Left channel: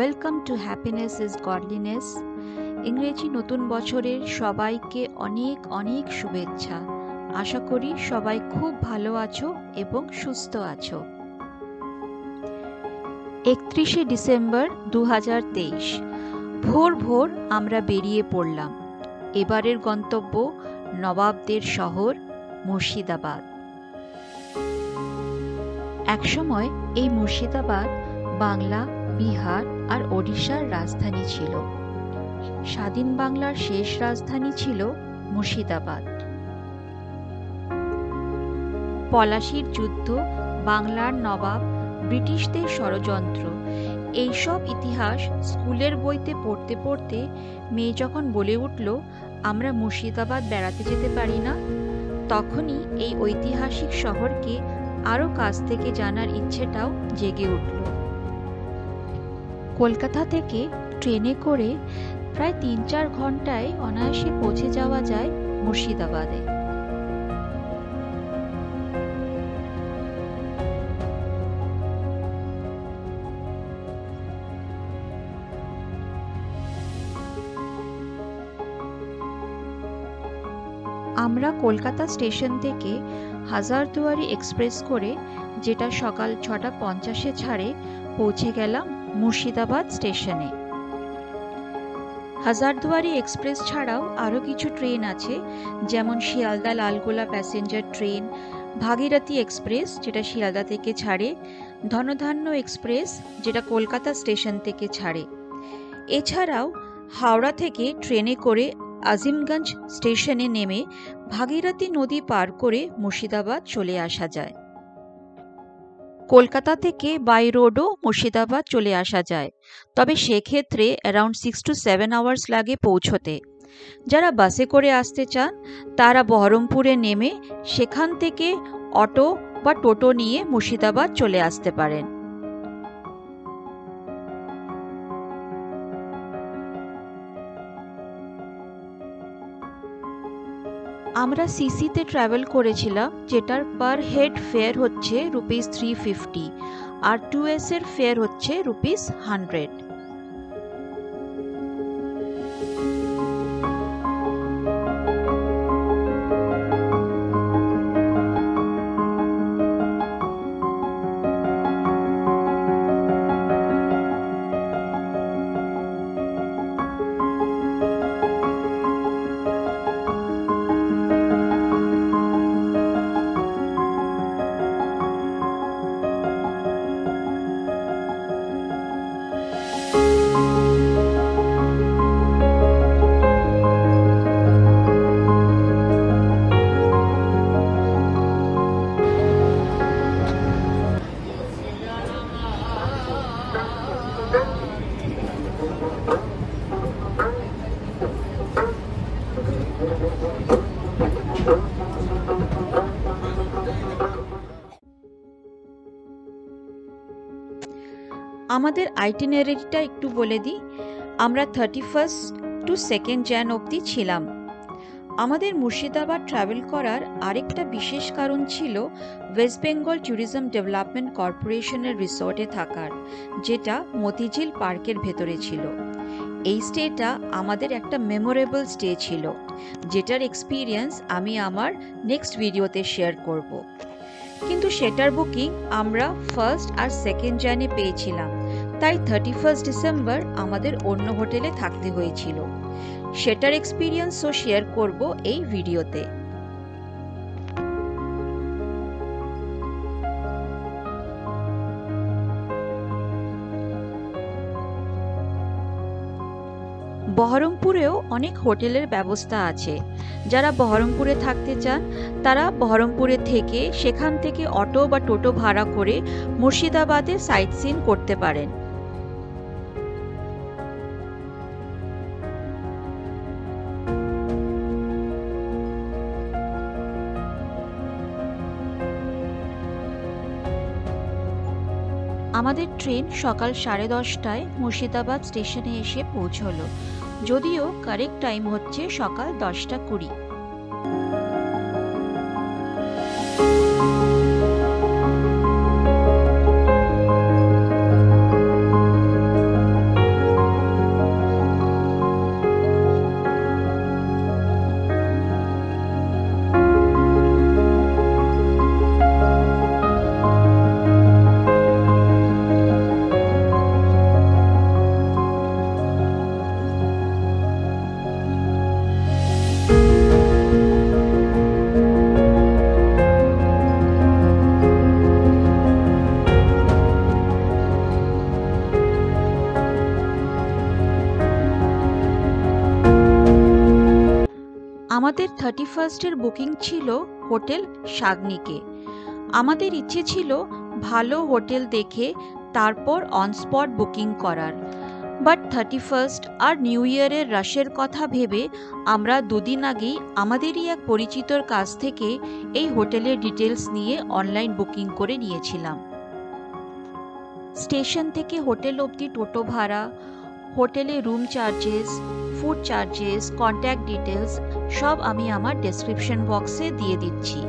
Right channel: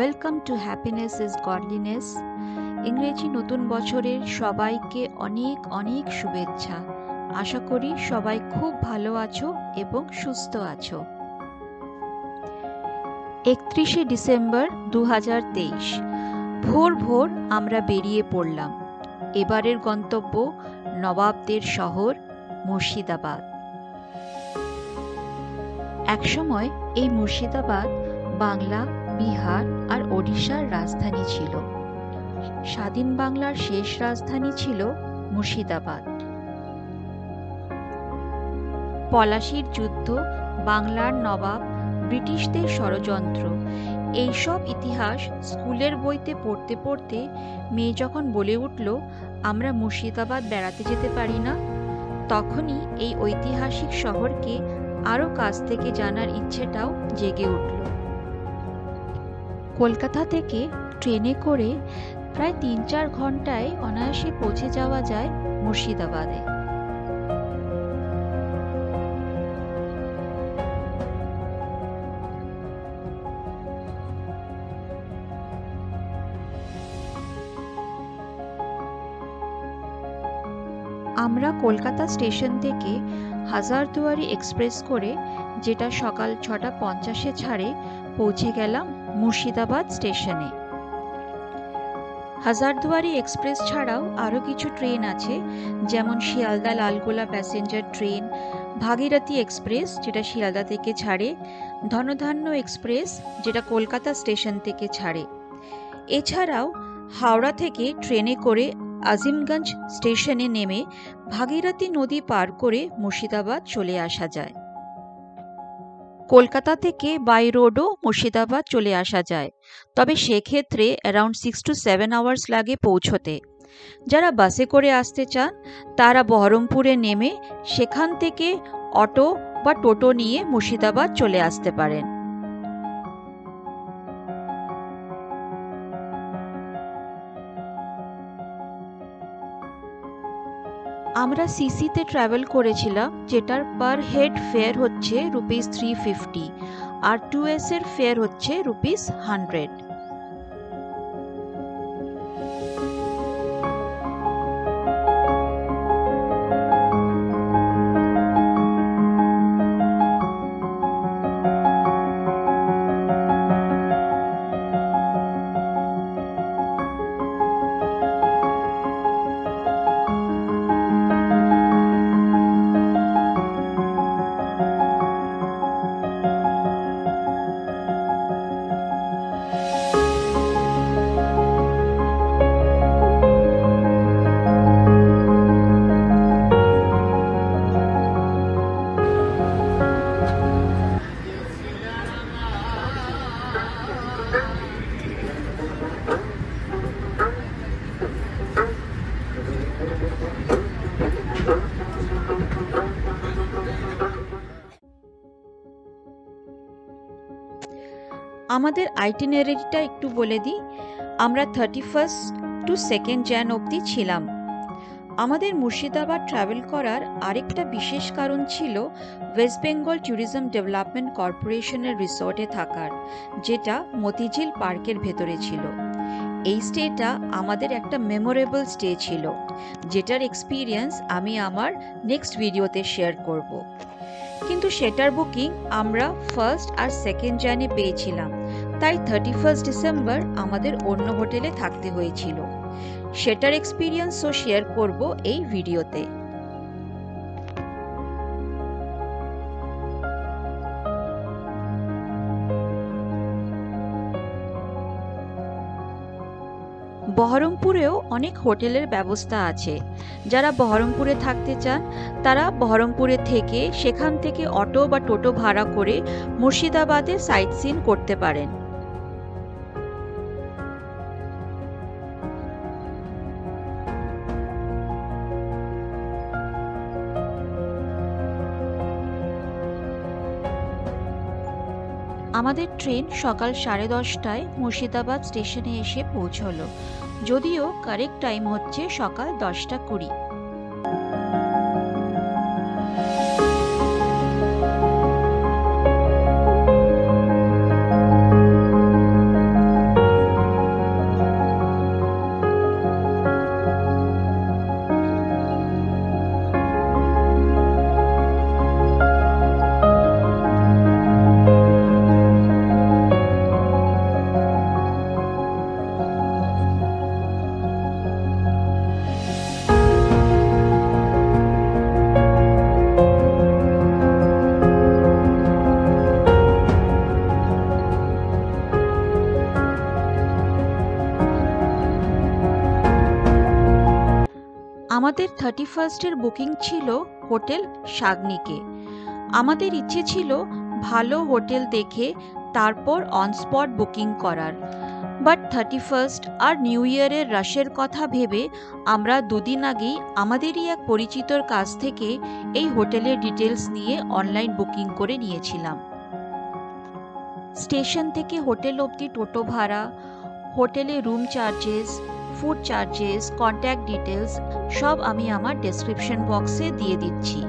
Welcome to happiness is godliness. ইংরেজি নতুন বছরের সবাইকে অনেক অনেক শুভেচ্ছা। আশা করি সবাই খুব ভালো আছো এবং সুস্থ আছো। 31শে ডিসেম্বর 2023 ভোর ভোর আমরা বেরিয়ে পড়লাম। এবারের গন্তব্য নবাবদের শহর মুর্শিদাবাদ। একসময় এই মুর্শিদাবাদ বাংলা, বিহার আর ওড়িশার রাজধানী ছিল। স্বাধীন বাংলার শেষ রাজধানী ছিল মুর্শিদাবাদ। পলাশির যুদ্ধ, বাংলার নবাব, ব্রিটিশদের ষড়যন্ত্র, এইসব ইতিহাস স্কুলের বইতে পড়তে পড়তে মেয়ে যখন বলে উঠল, আমরা মুর্শিদাবাদ বেড়াতে যেতে পারি না, তখনই এই ঐতিহাসিক শহরকে আরও কাছ থেকে জানার ইচ্ছেটাও জেগে উঠল। কলকাতা থেকে ট্রেনে করে প্রায় 3-4 ঘন্টায় অনায়াসে পৌঁছে যাওয়া যায় মুর্শিদাবাদে। আমরা কলকাতা স্টেশন থেকে হাজারদুয়ারি এক্সপ্রেস করে, যেটা সকাল 6:50 ছাড়ে, পৌঁছে গেলাম মুর্শিদাবাদ স্টেশনে। হাজারদুয়ারি এক্সপ্রেস ছাড়াও আরও কিছু ট্রেন আছে, যেমন শিয়ালদা লালগোলা প্যাসেঞ্জার ট্রেন, ভাগীরথী এক্সপ্রেস যেটা শিয়ালদা থেকে ছাড়ে, ধনধান্য এক্সপ্রেস যেটা কলকাতা স্টেশন থেকে ছাড়ে। এছাড়াও হাওড়া থেকে ট্রেনে করে আজিমগঞ্জ স্টেশনে নেমে ভাগীরথী নদী পার করে মুর্শিদাবাদ চলে আসা যায়। কলকাতা থেকে বাই রোডও মুর্শিদাবাদ চলে আসা যায়, তবে সেক্ষেত্রে অ্যারাউন্ড 6 to 7 আওয়ার্স লাগে পৌঁছতে। যারা বাসে করে আসতে চান তারা বহরমপুরে নেমে সেখান থেকে অটো বা টোটো নিয়ে মুর্শিদাবাদ চলে আসতে পারেন। আমরা সিসিতে ট্রাভেল করেছিলাম, যেটার পার হেড ফেয়ার হচ্ছে ₹350 আর 2S এর ফেয়ার হচ্ছে ₹100। আমাদের আইটিনারিটা একটু বলে দিই। আমরা 31 to 2 jan অবধি ছিলাম। আমাদের মুর্শিদাবাদ ট্রাভেল করার আরেকটা বিশেষ কারণ ছিল ওয়েস্ট বেঙ্গল ট্যুরিজম ডেভেলপমেন্ট কর্পোরেশনের রিসোর্টে থাকার, যেটা মতিঝিল পার্কের ভেতরে ছিল। এই স্টেটা আমাদের একটা মেমোরেবল স্টে ছিল, যেটার এক্সপিরিয়েন্স আমি আমার নেক্সট ভিডিওতে শেয়ার করব। কিন্তু সেটার বুকিং আমরা 1 আর 2 জানে পেয়েছিলাম, তাই 31 ডিসেম্বর আমাদের অন্য হোটেলে থাকতে হয়েছিল। সেটার এক্সপিরিয়েন্সও শেয়ার করব এই ভিডিওতে। বহরমপুরেও অনেক হোটেলের ব্যবস্থা আছে। যারা বহরমপুরে থাকতে চান তারা বহরমপুরে থেকে সেখান থেকে অটো বা টোটো ভাড়া করে মুর্শিদাবাদে সাইট সিন করতে পারেন। আমাদের ট্রেন সকাল 10:30টায় মুর্শিদাবাদ স্টেশনে এসে পৌঁছলো, যদিও কারেক্ট টাইম হচ্ছে সকাল 10:20। আমাদের 31st বুকিং ছিল হোটেল শাগনিকে। আমাদের ইচ্ছে ছিল ভালো হোটেল দেখে তারপর অন স্পট বুকিং করার, বাট 31st আর নিউ ইয়ারের রাশের কথা ভেবে আমরা দুদিন আগেই আমাদেরই এক পরিচিতর কাছ থেকে এই হোটেলের ডিটেলস নিয়ে অনলাইন বুকিং করে নিয়েছিলাম। স্টেশন থেকে হোটেল অবধি টোটো ভাড়া, হোটেলে room charges, food charges, contact details সব আমি আমার ডেসক্রিপশন বক্সে দিয়ে দিচ্ছি।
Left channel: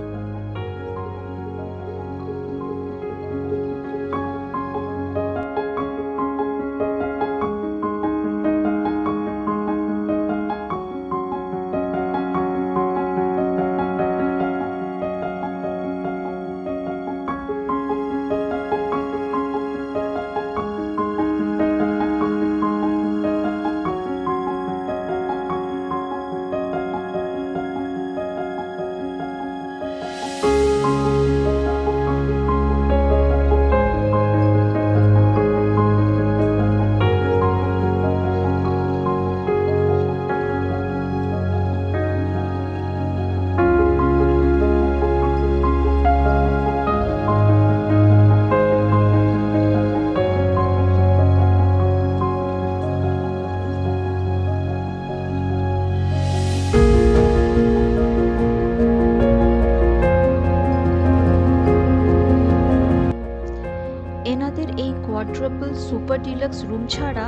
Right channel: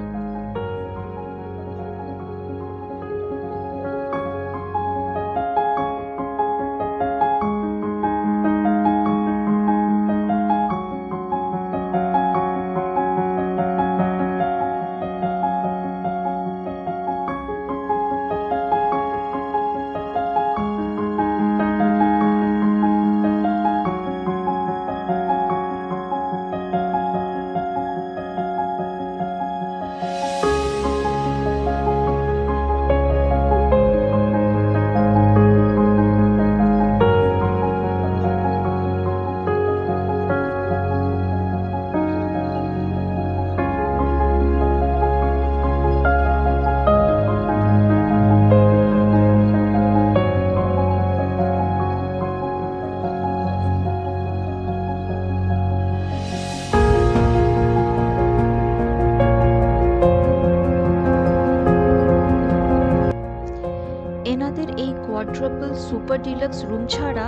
এনাদের এই কোয়াড্রাপল সুপার ডিলাক্স রুম ছাড়া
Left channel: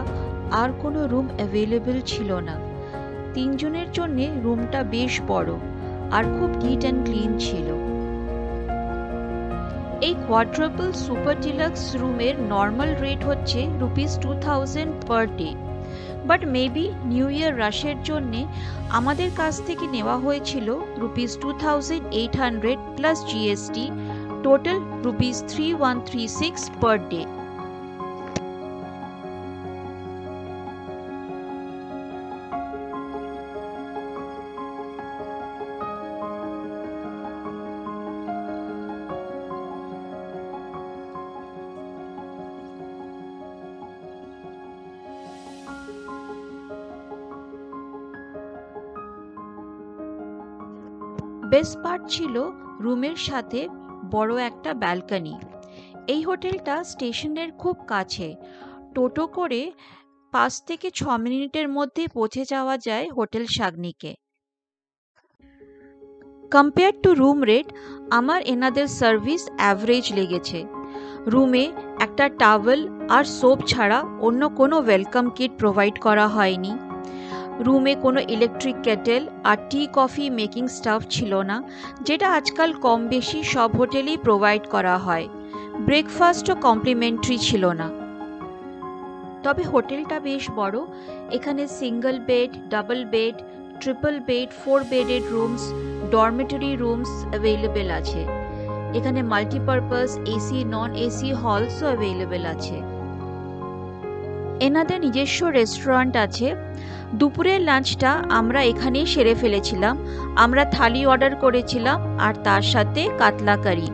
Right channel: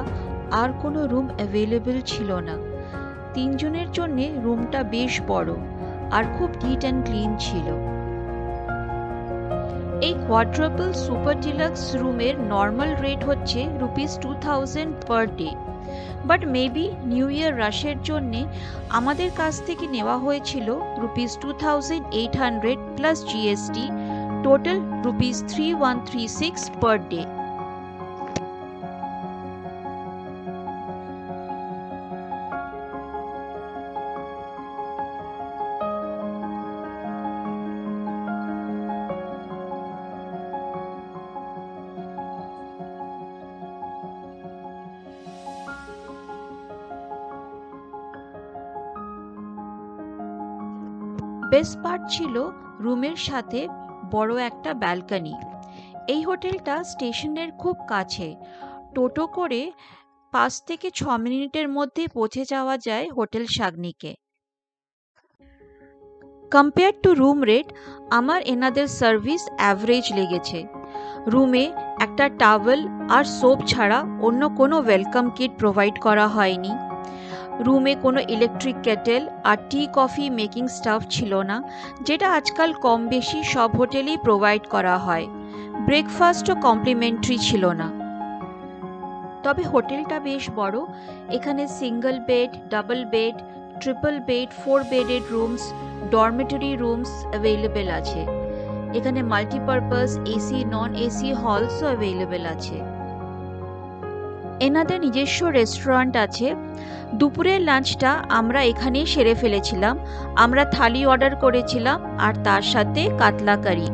আর কোনো রুম অ্যাভেলেবল ছিল না। 3 জনের জন্য রুমটা বেশ বড় আর খুব নিট অ্যান্ড ক্লিন ছিল। এই কোয়াড্রাপল সুপার ডিলাক্স রুমের নর্মাল রেট হচ্ছে ₹2000 per day, but maybe new year রাশের জন্যে আমাদের কাছ থেকে নেওয়া হয়েছিল ₹2800 plus GST, total ₹3136 per day. Best part ছিল রুমের সাথে বড় একটা ব্যালকনি। এই হোটেলটা স্টেশনের খুব কাছে, টোটো করে 5 থেকে 6 মিনিটের মধ্যে পৌঁছে যাওয়া যায় হোটেল শাগনিকে। কম্পেয়ার টু রুম রেট আমার এনাদের সার্ভিস অ্যাভারেজ লেগেছে। রুমে একটা টাওয়েল আর সোপ ছাড়া অন্য কোনো ওয়েলকাম কিট প্রোভাইড করা হয়নি। রুমে কোনো ইলেকট্রিক কেটেল আর টি কফি মেকিং স্টাফ ছিল না, যেটা আজকাল কম বেশি সব হোটেলেই প্রোভাইড করা হয়। ব্রেকফাস্টও কমপ্লিমেন্টারি ছিল না। তবে হোটেলটা বেশ বড়, এখানে single bed, double bed, triple bed, 4 bedded rooms, dormitory rooms available আছে। এখানে মাল্টিপারপাস এসি নন এসি হলসও অ্যাভেলেবেল আছে। এনাদের নিজস্ব রেস্টুরেন্ট আছে। দুপুরের লাঞ্চটা আমরা এখানেই সেরে ফেলেছিলাম। আমরা থালি অর্ডার করেছিলাম আর তার সাথে কাতলা কারি।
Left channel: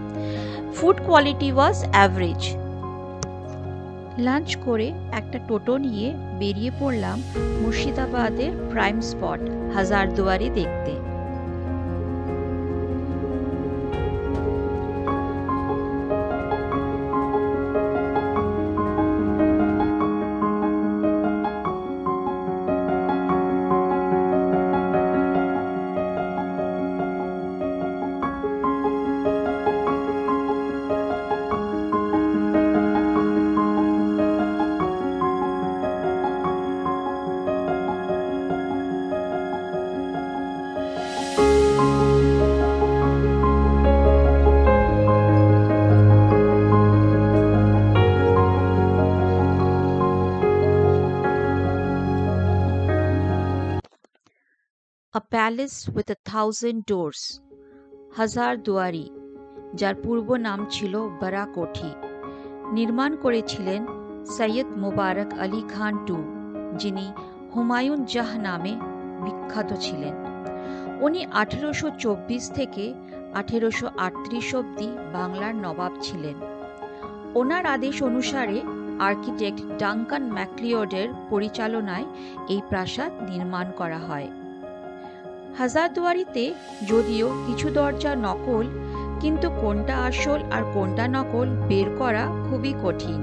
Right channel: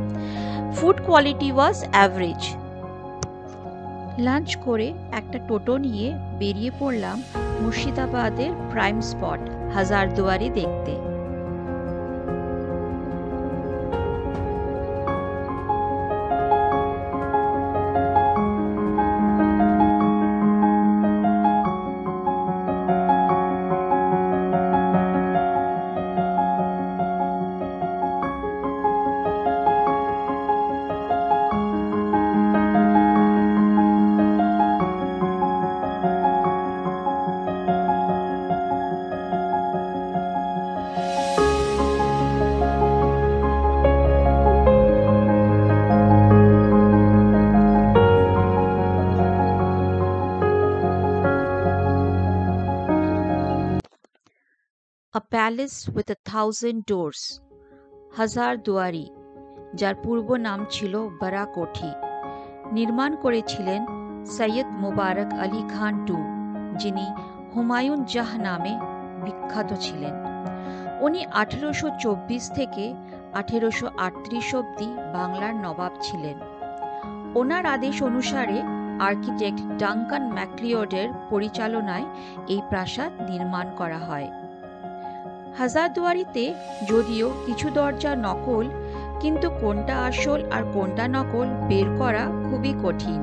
ফুড কোয়ালিটি ওয়াজ অ্যাভারেজ। লাঞ্চ করে একটা টোটো নিয়ে বেরিয়ে পড়লাম মুর্শিদাবাদের প্রাইম স্পট হাজারদুয়ারি দেখতে। A palace with 1000 doors, হাজারদুয়ারি, যার পূর্ব নাম ছিল বারাকোঠি, নির্মাণ করেছিলেন সৈয়দ মুবারক আলী খান II, যিনি হুমায়ুন জাহ নামে বিখ্যাত ছিলেন। উনি 1824 থেকে 1838 অবধি বাংলার নবাব ছিলেন। ওনার আদেশ অনুসারে আর্কিটেক্ট ডাঙ্কান ম্যাকলিওডের পরিচালনায় এই প্রাসাদ নির্মাণ করা হয়। হাজারদুয়ারিতে যদিও কিছু দরজা নকল, কিন্তু কোনটা আসল আর কোনটা নকল বের করা খুবই কঠিন।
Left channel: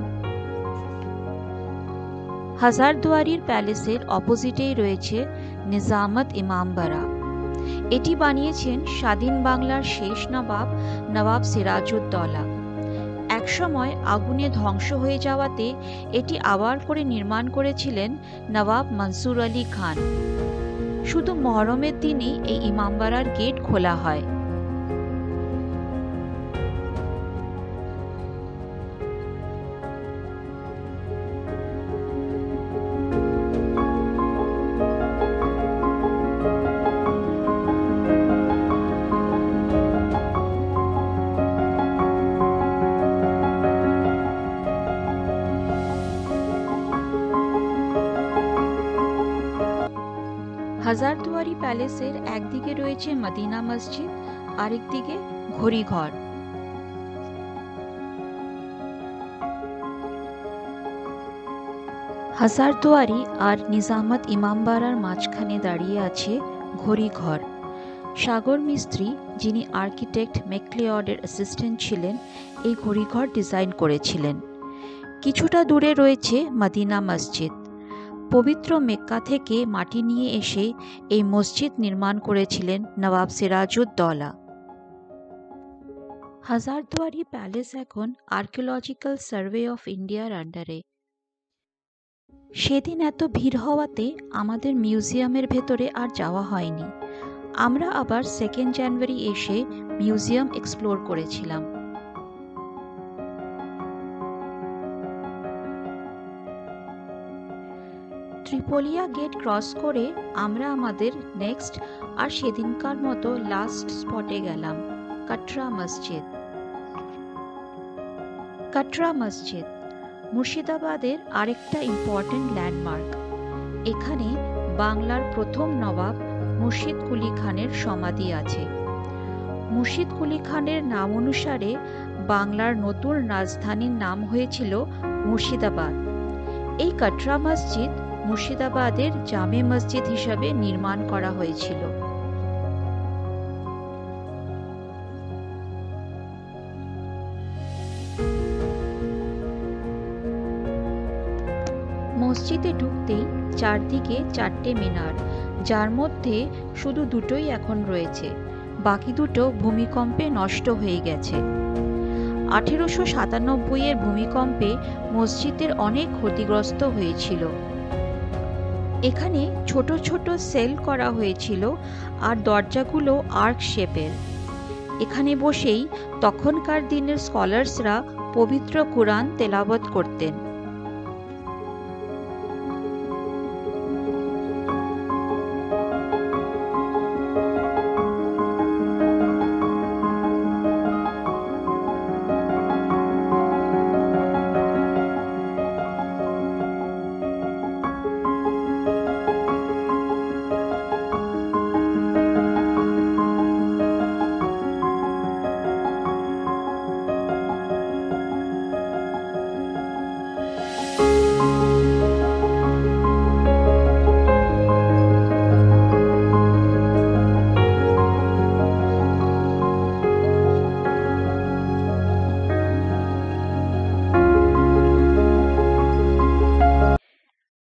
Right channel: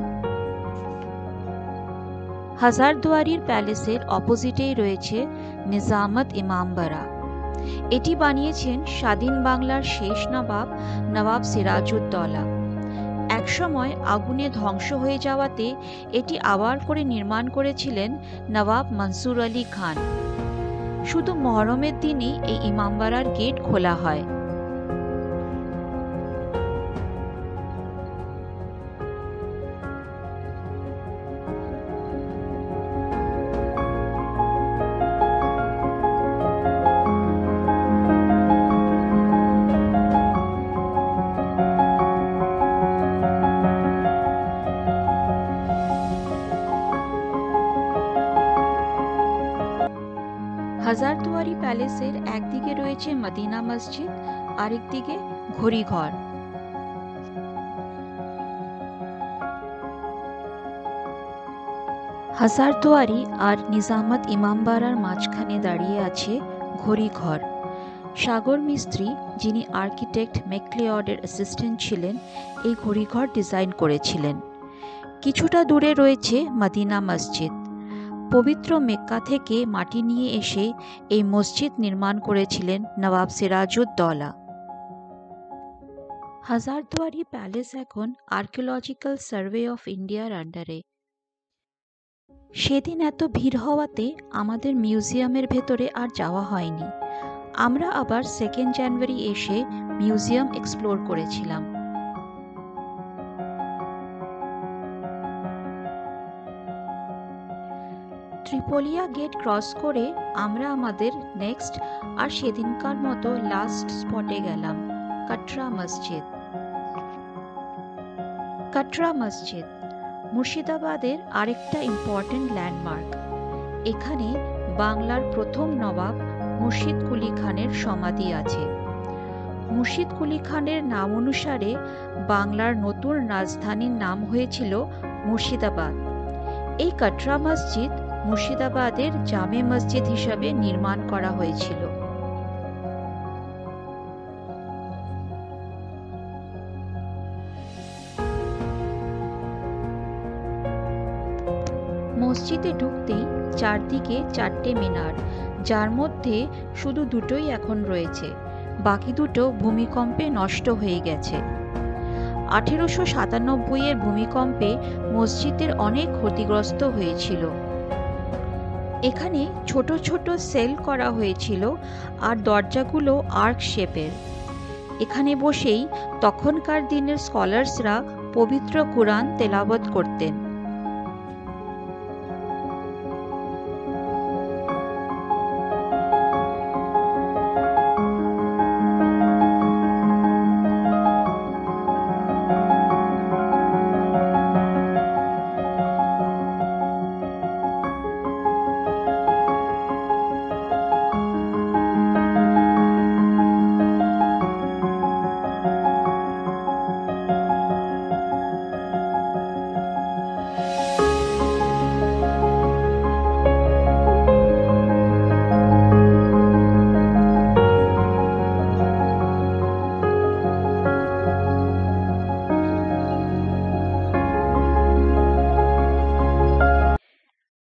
হাজারদুয়ারির প্যালেসের অপোজিটেই রয়েছে নিজামত ইমামবাড়া। এটি বানিয়েছেন স্বাধীন বাংলার শেষ নবাব নবাব সিরাজউদ্দৌলা। একসময় আগুনে ধ্বংস হয়ে যাওয়াতে এটি আবার করে নির্মাণ করেছিলেন নবাব মনসুর আলী খান। শুধু মহরমের দিনই এই ইমামবাড়ার গেট খোলা হয়। হাজারদুয়ারি প্যালেসের একদিকে রয়েছে মদিনা মসজিদ, আরেকদিকে ঘড়িঘর। হাজারদুয়ারি আর নিজামত ইমামবাড়ার মাঝখানে দাঁড়িয়ে আছে ঘড়িঘর। সাগর মিস্ত্রি, যিনি আর্কিটেক্ট ম্যাকলিওডের অ্যাসিস্ট্যান্ট ছিলেন, এই ঘড়িঘর ডিজাইন করেছিলেন। কিছুটা দূরে রয়েছে মদিনা মসজিদ। পবিত্র মেক্কা থেকে মাটি নিয়ে এসে এই মসজিদ নির্মাণ করেছিলেন নবাব সিরাজউদ্দৌলা। হাজারদুয়ারি প্যালেস এখন আর্কিওলজিক্যাল সার্ভে অফ ইন্ডিয়ার আন্ডারে। সেদিন এত ভিড় হওয়াতে আমাদের মিউজিয়ামের ভেতরে আর যাওয়া হয়নি। আমরা আবার 2 জানুয়ারি এসে মিউজিয়াম এক্সপ্লোর করেছিলাম। ত্রিপোলিয়া গেট ক্রস করে আমরা আমাদের নেক্সট আর সেদিনকার মতো লাস্ট স্পটে গেলাম, কাটরা মসজিদ। কাটরা মসজিদ মুর্শিদাবাদের আরেকটা ইম্পর্টেন্ট ল্যান্ডমার্ক। এখানে বাংলার প্রথম নবাব মুর্শিদ কুলি খানের সমাধি আছে। মুর্শিদ কুলি খানের নাম অনুসারে বাংলার নতুন রাজধানীর নাম হয়েছিল মুর্শিদাবাদ। এই কাটরা মসজিদ মুর্শিদাবাদের জামে মসজিদ হিসাবে নির্মাণ করা হয়েছিল। মসজিদে ঢুকতেই চারদিকে 4টে মিনার, যার মধ্যে শুধু দুটোই এখন রয়েছে, বাকি দুটো ভূমিকম্পে নষ্ট হয়ে গেছে। 1897 এর ভূমিকম্পে মসজিদের অনেক ক্ষতিগ্রস্ত হয়েছিল। এখানে ছোট ছোট সেল করা হয়েছিল আর দরজাগুলো আর্ক শেপের। এখানে বসেই তখনকার দিনের স্কলার্সরা পবিত্র কুরআন তেলাওয়াত করতেন।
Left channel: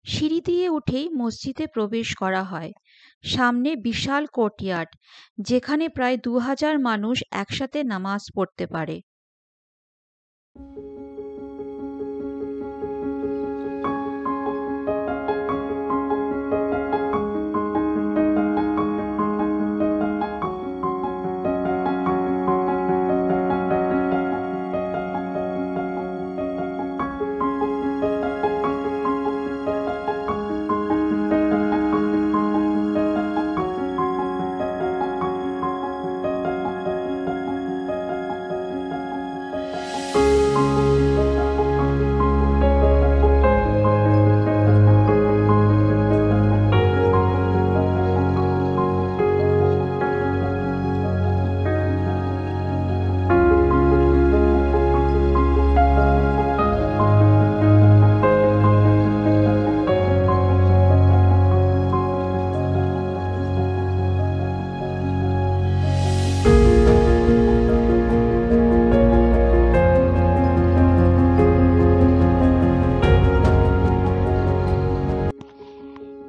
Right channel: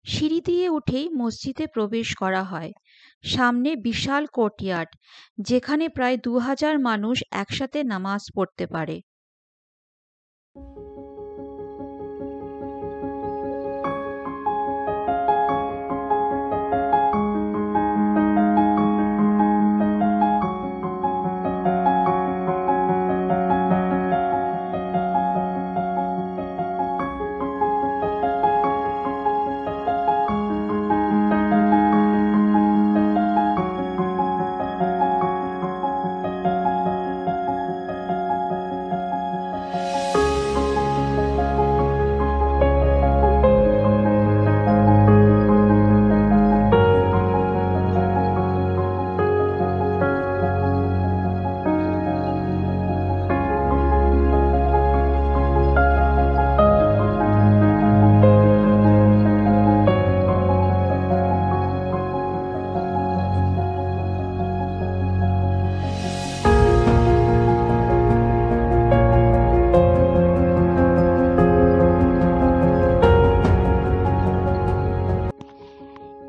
সিঁড়ি দিয়ে উঠেই মসজিদে প্রবেশ করা হয়। সামনে বিশাল কোর্টইয়ার্ড, যেখানে প্রায় 2000 মানুষ একসাথে নামাজ পড়তে পারে।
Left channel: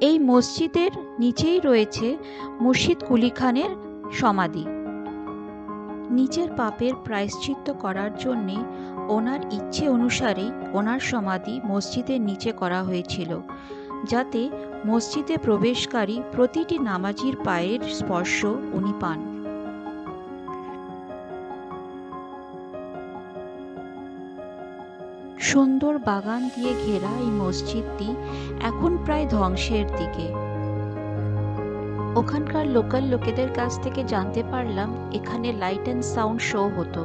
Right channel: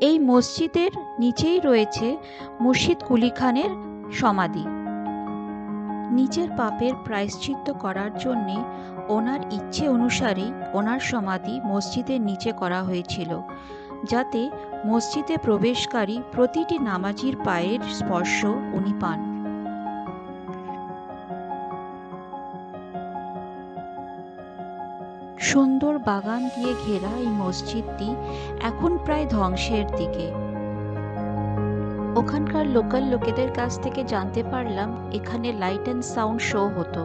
এই মসজিদের নিচেই রয়েছে মুর্শিদ কুলি খানের সমাধি। নিজের পাপের প্রায়শ্চিত্ত করার জন্যে ওনার ইচ্ছে অনুসারেই ওনার সমাধি মসজিদের নিচে করা হয়েছিল, যাতে মসজিদে প্রবেশকারী প্রতিটি নামাজির পায়ের স্পর্শ উনি পান। সুন্দর বাগান দিয়ে ঘেরা এই মসজিদটি এখন প্রায় ধ্বংসের দিকে। ওখানকার লোকাল লোকেদের কাছ থেকে জানতে পারলাম এখানে লাইট অ্যান্ড সাউন্ড শো হতো,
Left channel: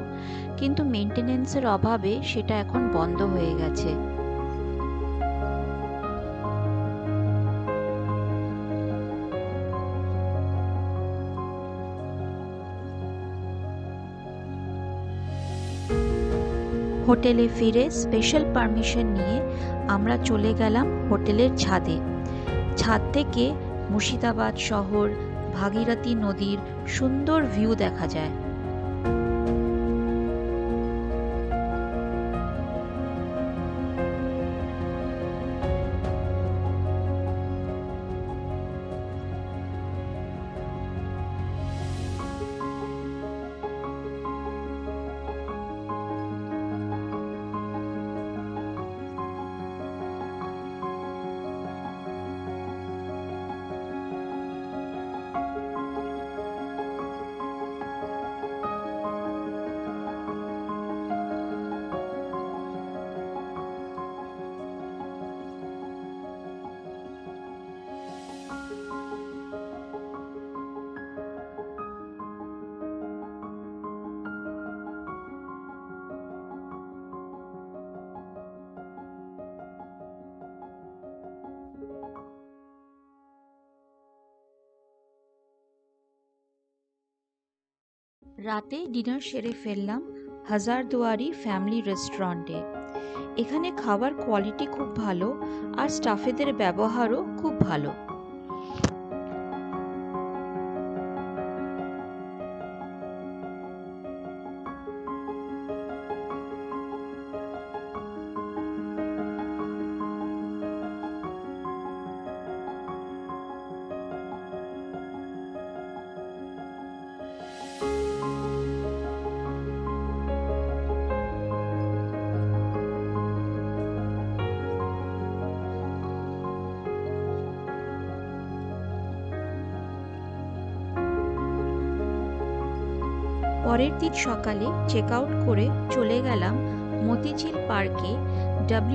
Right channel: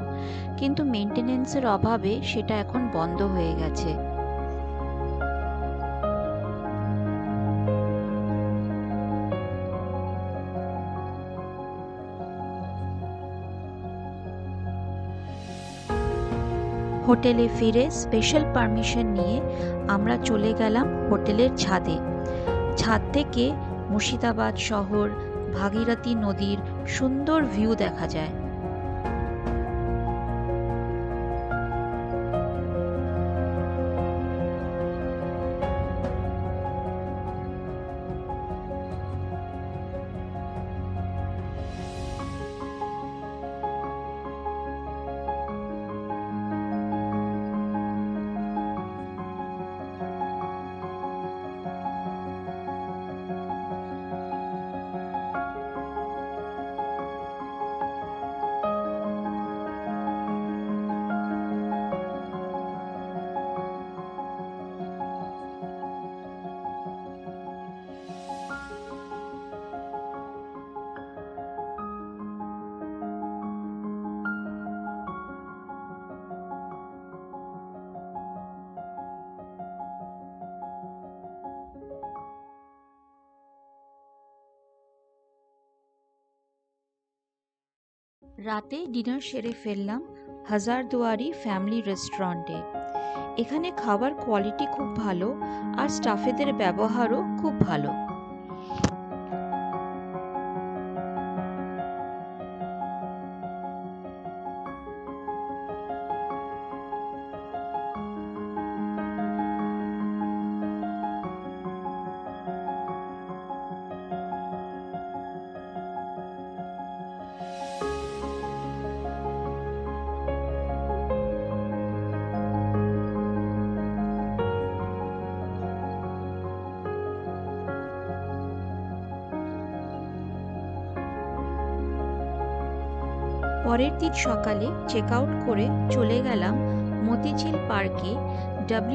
কিন্তু মেনটেনেন্সের অভাবে সেটা এখন বন্ধ হয়ে গেছে। হোটেলে ফিরে স্পেশাল পারমিশন নিয়ে আমরা চলে গেলাম হোটেলের ছাদে। ছাদ থেকে মুর্শিদাবাদ শহর, ভাগীরথী নদীর সুন্দর ভিউ দেখা যায়। রাতে ডিনার সেরে ফেললাম হাজারদুয়ারি ফ্যামিলি রেস্টুরেন্টে। এখানে খাবার কোয়ালিটি খুব ভালো আর স্টাফেদের ব্যবহারও খুব ভালো। পরের দিন সকালে চেক আউট করে চলে গেলাম মতিঝিল পার্কে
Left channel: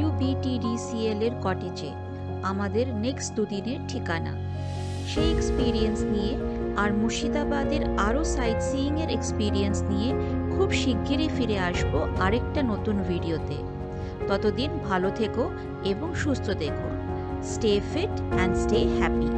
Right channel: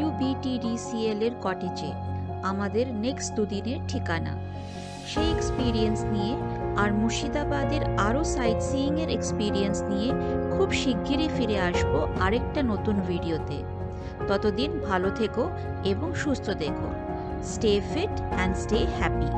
WBTDCL এর কটেজে, আমাদের নেক্সট দুদিনের ঠিকানা। সেই এক্সপিরিয়েন্স নিয়ে আর মুর্শিদাবাদের আরও সাইট সিইংয়ের এক্সপিরিয়েন্স নিয়ে খুব শিগগিরই ফিরে আসবো আরেকটা নতুন ভিডিওতে। ততদিন ভালো থেকো এবং সুস্থ থেকো। Stay fit and stay happy.